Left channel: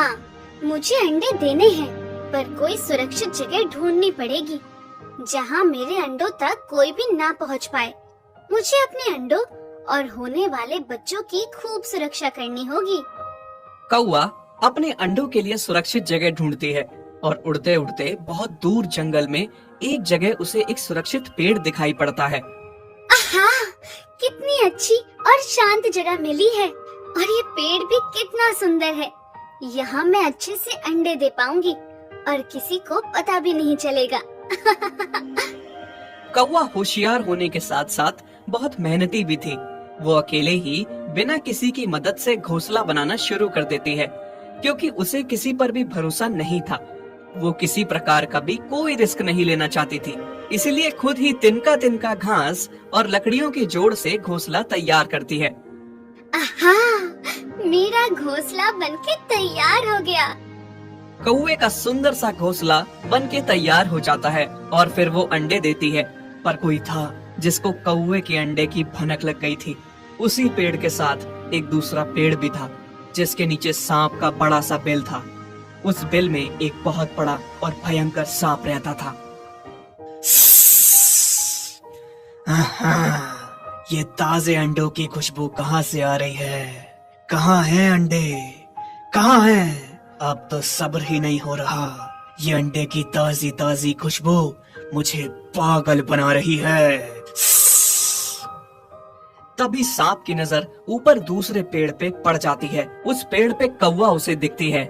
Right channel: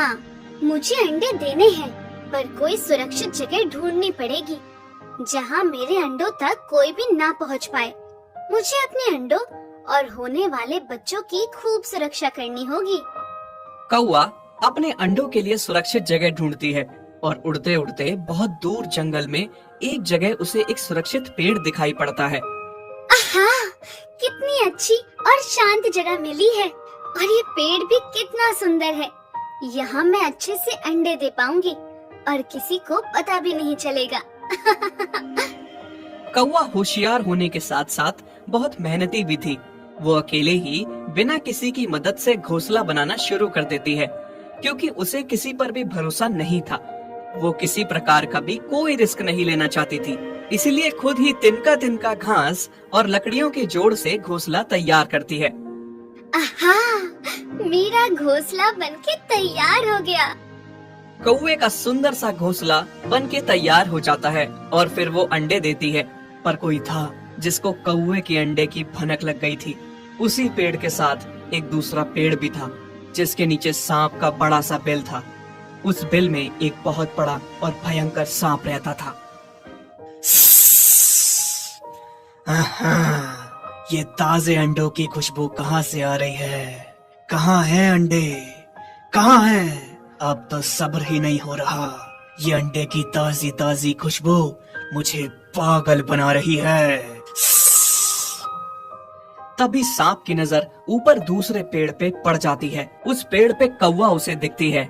हाँ, मुझे अंडे देने हैं, पर कोई सुरक्षित जगह ढूंढनी पड़ेगी जहाँ मेरे अंडों तक कोई भी ना पहुँच पाए। मुझे अपने अंडों और होने वाले बच्चों की खूब सुरक्षा करनी होगी। कौवा अपने अंडों के लिए सुरक्षित जगह ढूंढती है और उड़ते उड़ते बहुत दूर जंगल में एक जगह उसे एक सुरक्षित पेड़ दिखाई पड़ता है। आहा, कितनी अच्छी और शांत जगह मिली है, और ये पेड़ भी कितना सुंदर है। यहाँ मैं अच्छे से अंडे दे पाऊंगी और किसी को पता भी नहीं चलेगा। कौवा होशियार होने के साथ साथ बहुत मेहनती भी थी। वो अकेले ही बिना किसी की मदद से घोंसला बनाना शुरू कर देती है, क्योंकि उसे किसी पर भी भरोसा नहीं था। वो किसी प्रकार का भी कोई रिस्क नहीं लेना चाहती थी, इसीलिए खुद ही तिनका तिनका घास और लकड़ियों के जोड़ से घोंसला तैयार करती है। आहा, मेरा घोंसला बनके तैयार हो गया। कौवे का सुंदर सा घोंसला बन के तैयार हो जाता है और फिर वो अंडे देती है। पर कोई था जिसको कौवे के अंडे की भनक लग गई थी। उसी पेड़ के साथ एक दूसरा पेड़ भी था, जिसके नीचे सांप का बड़ा सा बिल था। उस बिल में एक बहुत बड़ा और भयंकर सांप रहता था। ये ताजे अंडों की खुशबू कहाँ से आ रही है? कहाँ है अंडे? कहाँ है? अब तो सब्र ही नहीं हो रहा। ये अंडे की ताजी ताजी खुशबू मुझे पागल बना रही है। तभी सांप की नजर ऊपर दूसरे पेड़ पे पड़ जाती है। उस पेड़ पे कौवा उसे दिखती है।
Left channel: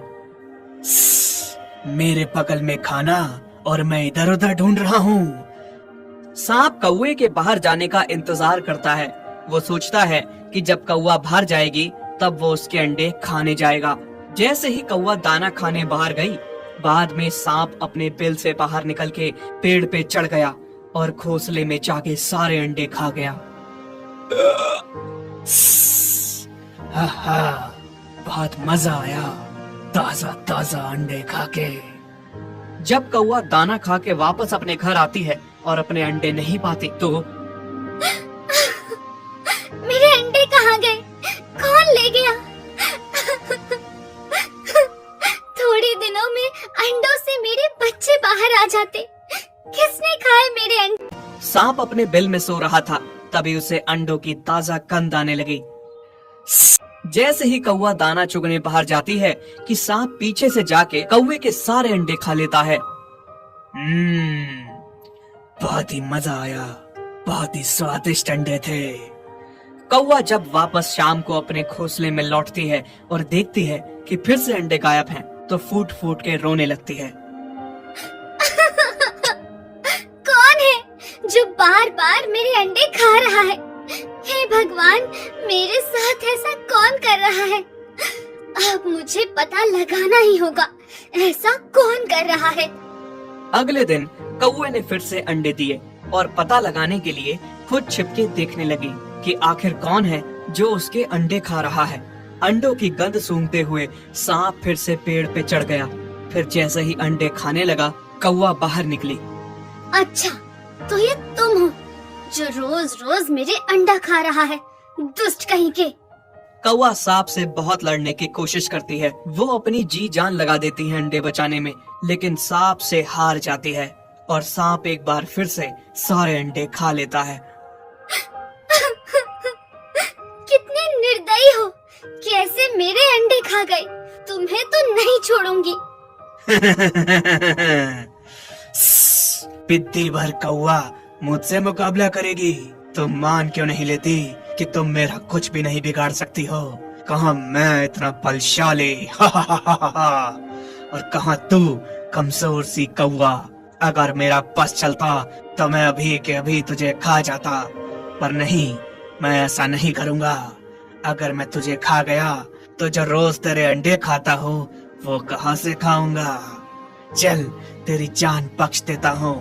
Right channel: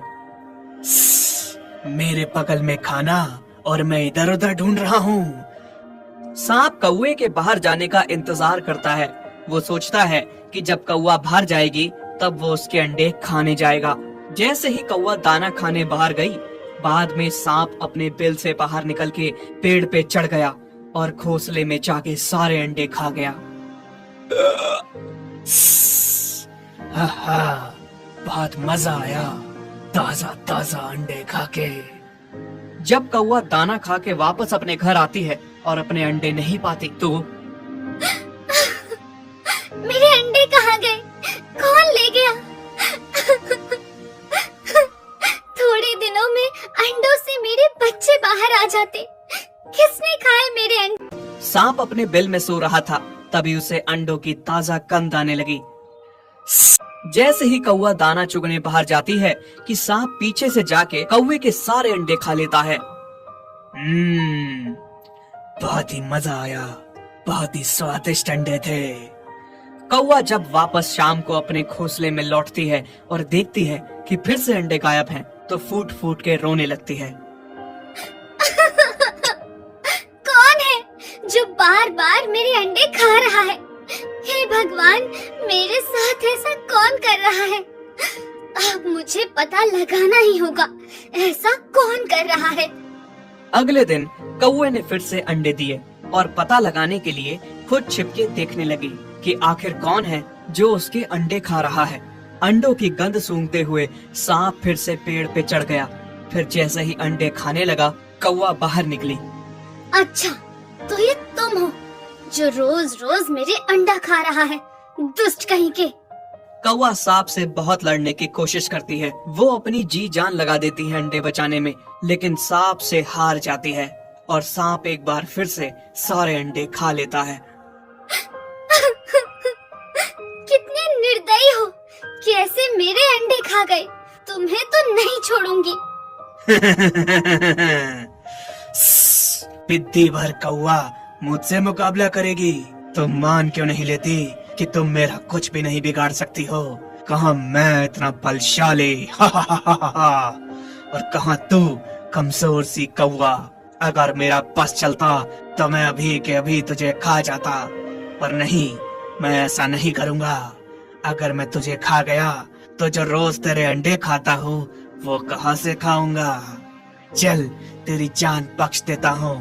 मेरे बगल में खाना और मैं इधर उधर ढूंढ रहा हूँ। सांप कौवे के बाहर जाने का इंतजार करता है। वो सोचता है कि जब कौवा बाहर जाएगी तब वो उसके अंडे खाने जाएगा। जैसे ही कौवा दाना खाने बाहर गई, बाद में सांप अपने बिल से बाहर निकल के पेड़ पे चढ़ गया और घोंसले में जाके सारे अंडे खा गया। हा, बहुत मजा आया ताजा ताजा अंडे खा के। जब कौवा दाना खा के वापस अपने घर आती है और अपने अंडे नहीं पाती तो मेरे अंडे कहाँ गए? कौन ले गया? थोड़े दिनों में अंडों से मेरे बच्चे बाहर आ जाते। किसने खाए मेरे अंडे? सांप अपने बिल में सो रहा था, तभी उसे अंडों की ताजा गंध आने लगी। जैसे ही कौवा दाना चुगने बाहर जाती है कि सांप पीछे से जाके कौवे के सारे अंडे खा लेता है। बहुत ही मजा आया, बहुत ही स्वादिष्ट अंडे थे। कौवा जब वापस शाम को अपने घोंसले में लौटती है और देखती है कि फिर से अंडे गायब हैं, तो फूट फूट के रोने लगती है। कौन है जो बार बार मेरे अंडे खा रहा है? हे भगवान, मेरे साथ ऐसा कौन कर रहा है? अब मुझे पता लगाना ही होगा, ऐसा कौन कर रहा है। अगले दिन कौवे ने फिर से अंडे दिए और पता लगाने के लिए खुद छिपके देखने लगी कि आखिर कौन है जो उसके अंडे खा रहा है। अंडों की गंध सूंघते हुए सांप फिर से पेड़ पे चढ़ गया। फिर जैसे ही अंडे खाने लगा, कौवा बाहर निकली। अच्छा, तो ये तुम हो जो रोज रोज मेरे अंडा खा रहा है, दुष्ट कहीं के। कौवा सांप से बहुत लड़ने की कोशिश करती है। वो अपनी जी जान लगा देती है अंडे बचाने में, लेकिन सांप से हार जाती है और सांप एक बार फिर से सारे अंडे खा लेता है। कितने निर्दयी हो कि ऐसे मेरे अंडे खा गए। तुम्हें तो नहीं छोड़ूंगी। बिद्दी भर कौवा मुझसे मुकाबला करेगी? तुम मान क्यों नहीं लेती कि तुम मेरा कुछ भी नहीं बिगाड़ सकती हो? कहाँ मैं इतना बलशाली और कहाँ तू कमजोर सी कौवा। अगर मेरा बस चलता तो मैं अभी के अभी तुझे खा जाता, पर नहीं, मैं ऐसा नहीं करूँगा। अगर मैं तुझे खा गया तो जो रोज तेरे अंडे खाता हूँ वो कहाँ से खाऊंगा? चल, तेरी जान बख्श देता हूँ,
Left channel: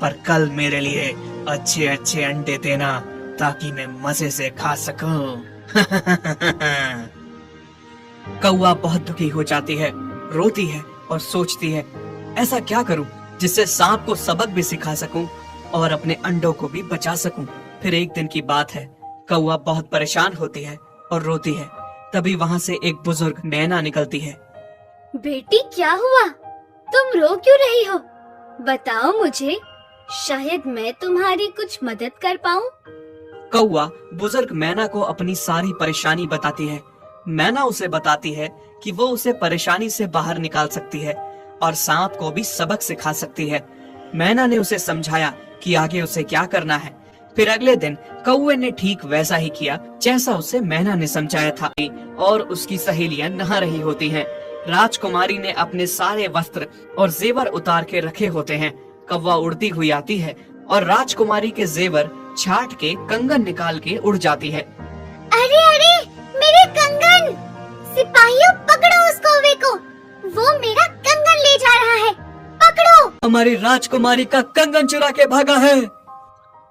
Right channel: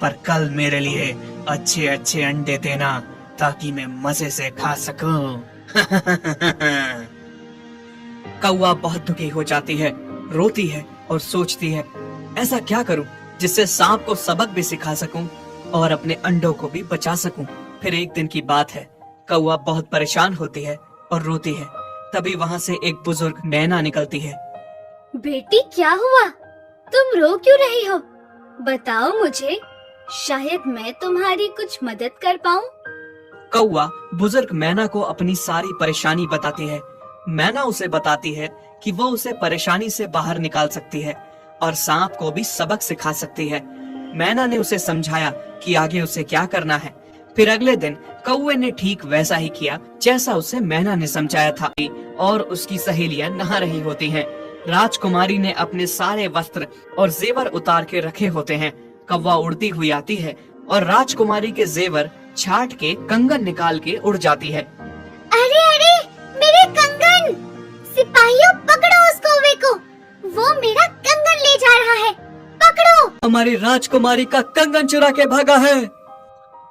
पर कल मेरे लिए अच्छे अच्छे अंडे देना ताकि मैं मजे से खा सकूं। कौवा बहुत दुखी हो जाती है, रोती है और सोचती है ऐसा क्या करूं जिससे सांप को सबक भी सिखा सकूं और अपने अंडों को भी बचा सकूं। फिर एक दिन की बात है, कौवा बहुत परेशान होती है और रोती है। तभी वहाँ से एक बुजुर्ग नैना निकलती है। बेटी क्या हुआ? तुम रो क्यों रही हो? बताओ मुझे, शायद मैं तुम्हारी कुछ मदद कर पाऊं। कौवा बुजुर्ग मैना को अपनी सारी परेशानी बताती है। मैना उसे बताती है कि वो उसे परेशानी से बाहर निकाल सकती है और सांप को भी सबक सिखा सकती है। मैना ने उसे समझाया कि आगे उसे क्या करना है। फिर अगले दिन कौवे ने ठीक वैसा ही किया जैसा उसे मैना ने समझाया था और उसकी सहेलियां नहा रही होती हैं। राजकुमारी ने अपने सारे वस्त्र और जेवर उतार के रखे होते हैं। कौवा उड़ती हुई आती है और राजकुमारी के जेवर छाट के कंगन निकाल के उड़ जाती है। अरे अरे, मेरे कंगन! सिपाहियों, पकड़ो उस कौवे को, वो मेरा कंगन ले जा रहा है, पकड़ो! हमारी राजकुमारी का कंगन चुरा के भागा है।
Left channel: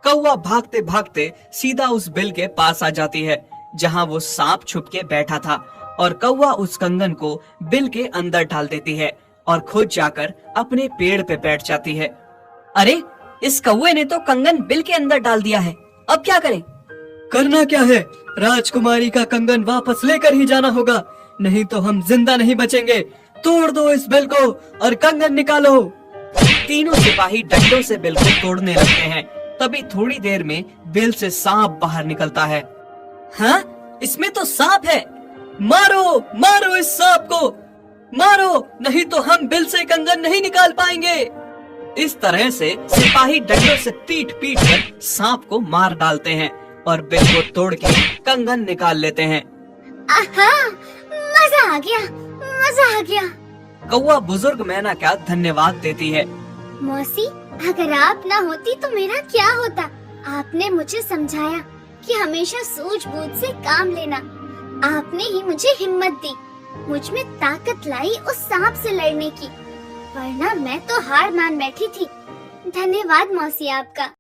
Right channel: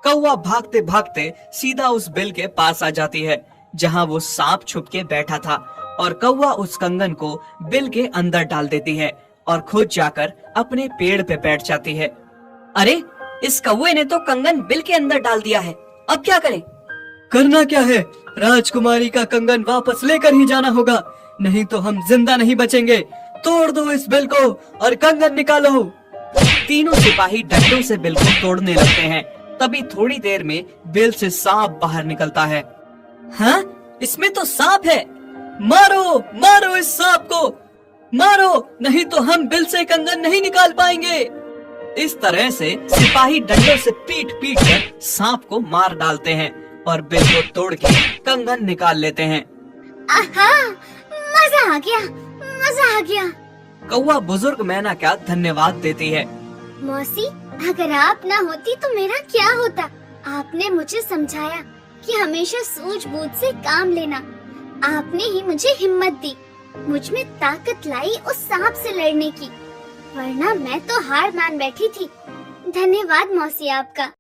कौवा भागते भागते सीधा उस बिल के पास आ जाती है जहाँ वो सांप छुप के बैठा था और कौवा उस कंगन को बिल के अंदर डाल देती है और खुद जाकर अपने पेड़ पे बैठ जाती है। अरे, इस कौवे ने तो कंगन बिल के अंदर डाल दिया है, अब क्या करें? करना क्या है? राजकुमारी का कंगन वापस लेकर ही जाना होगा, नहीं तो हम जिंदा नहीं बचेंगे। तोड़ दो इस बिल को और कंगन निकालो। तीनों सिपाही डंडों से बिल को तोड़ने लगते हैं। तभी थोड़ी देर में बिल से सांप बाहर निकलता है। हाँ, इसमें तो सांप है। मारो मारो इस सांप को, मारो, नहीं तो हम बिल से कंगन नहीं निकाल पाएंगे। इस तरह से सिपाही डंडों से पीट पीट कर सांप को मार डालते हैं और बिल को तोड़ के कंगन निकाल लेते हैं। आहा, मजा आ गया, मजा आ गया। कौवा बुजुर्ग मैना का धन्यवाद देती है। मौसी, अगर आप ना होती तो मेरा क्या होता? आपने मुझे समझाया कि हमेशा सूझबूझ से काम लेना। आपने ही मुझे हिम्मत दी, मुझ में ताकत लाई उस सांप से लड़ने की, वरना मैं तो हार मान बैठी थी। धन्यवाद मौसी आपका।